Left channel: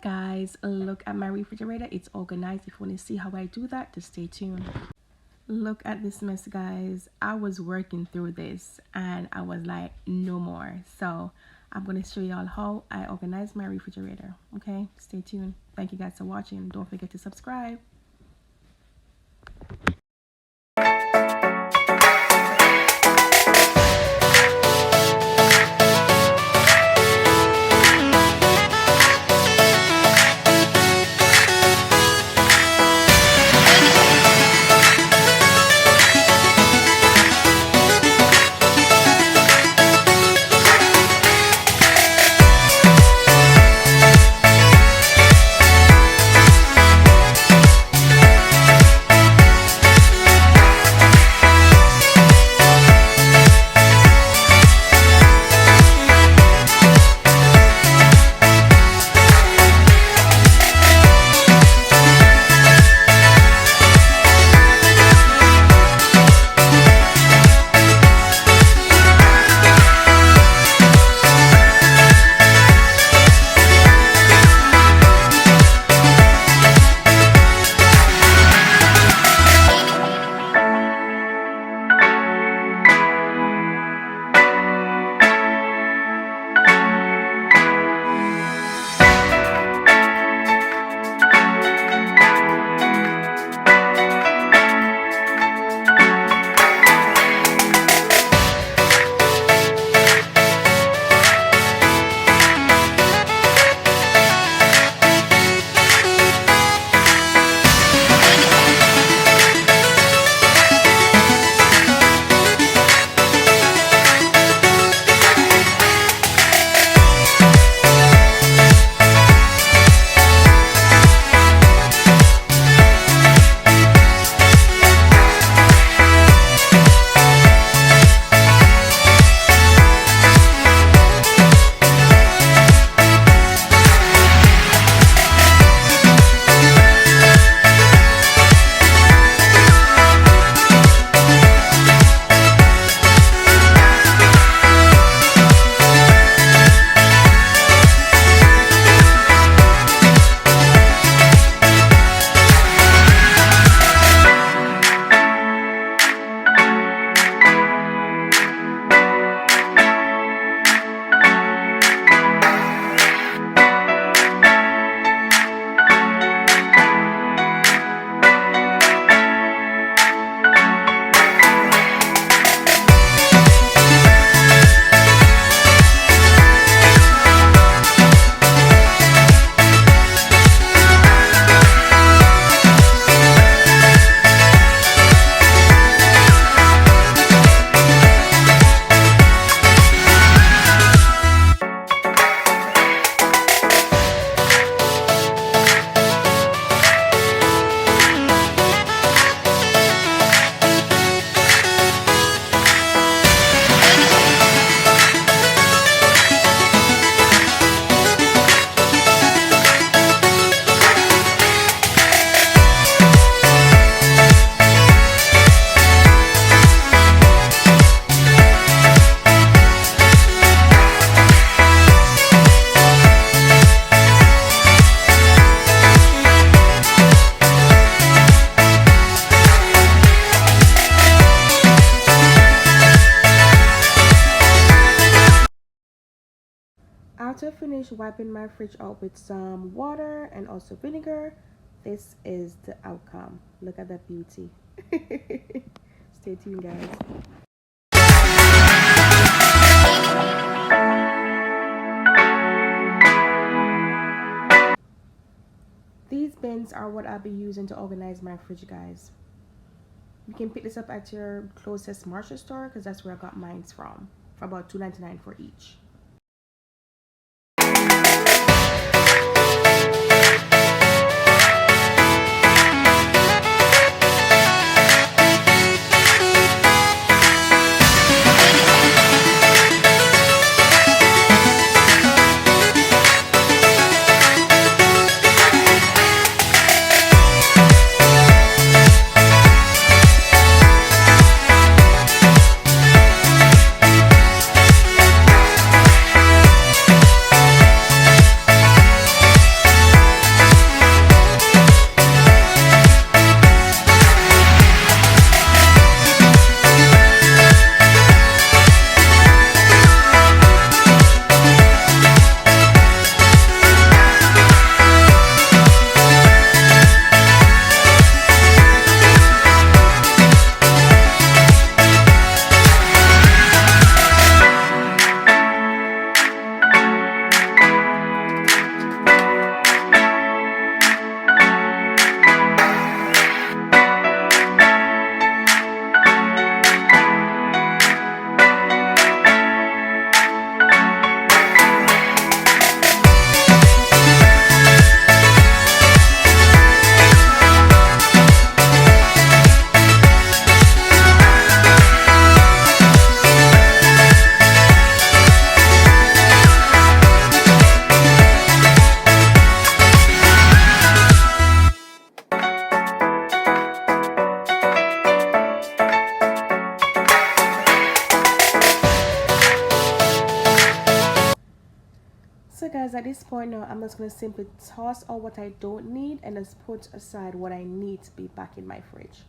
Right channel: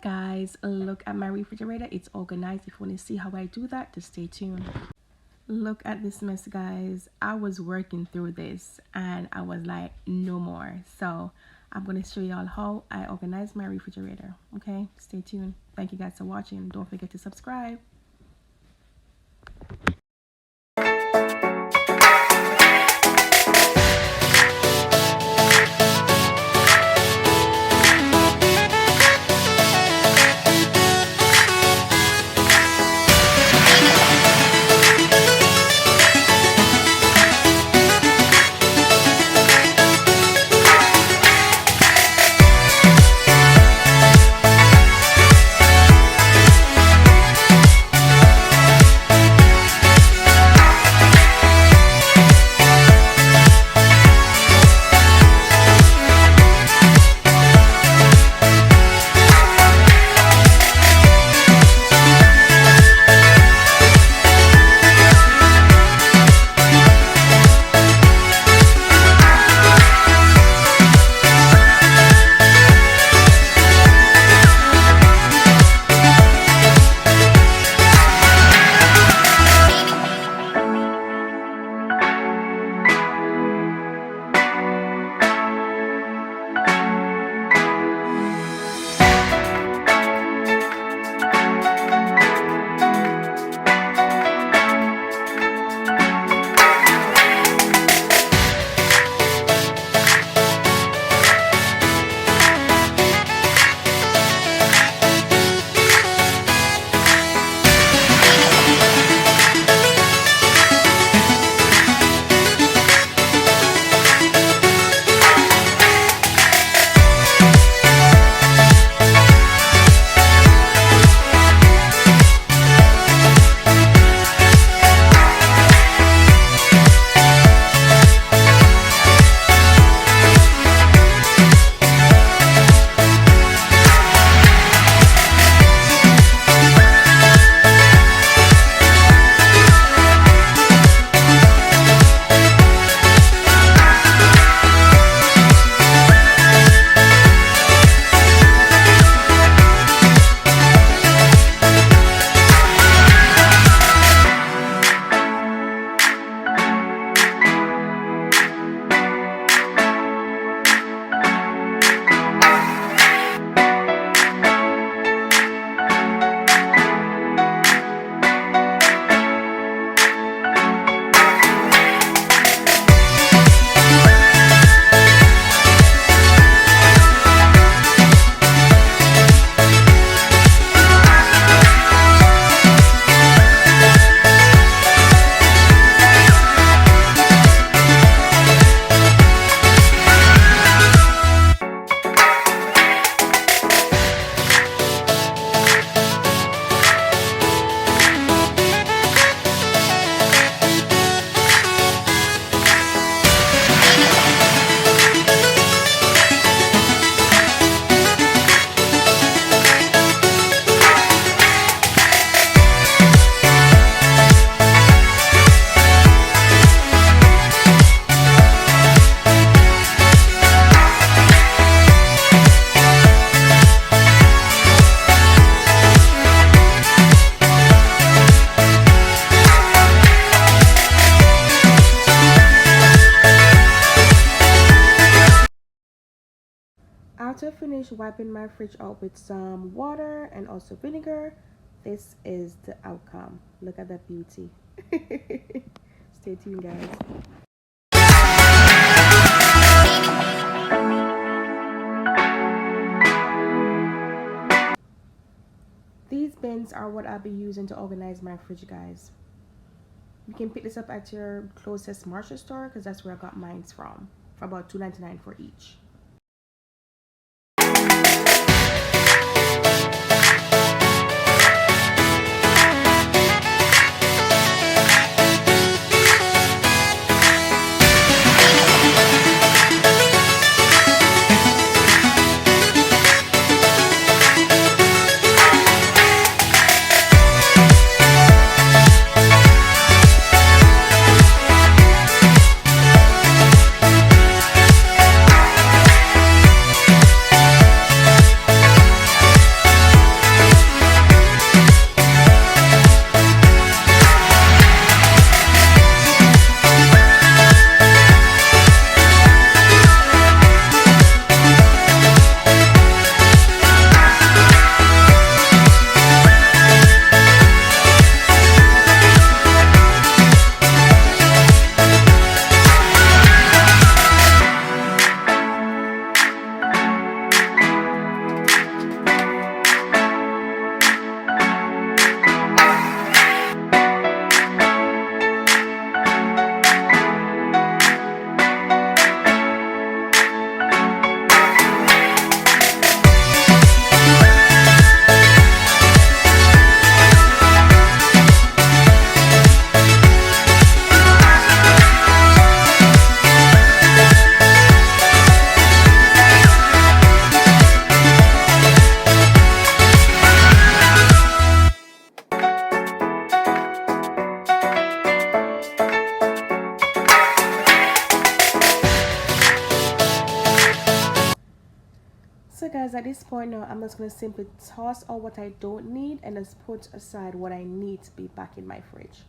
guys, look at my refrigerator. It's organized. If you want to see how I do that, just stay tuned. Look at this mess, guys. I was working through this and I was like, no more. So I'm going to show y'all how I organize my refrigerator. Okay, stay tuned. Thank you guys for watching. Don't forget to subscribe. After finish wiping my fridge out with some water and also vinegar, this is the outcome. Look at that beauty. Stay tuned, guys. These bins are what I'll be using to organize my fridge, guys. You can pick this up at your closest Marshall store because that's where I got mine from, for about $2.99 for each. at this point now, I'm just going to simply toss out what I don't need and just put aside what I need to be back in my fridge.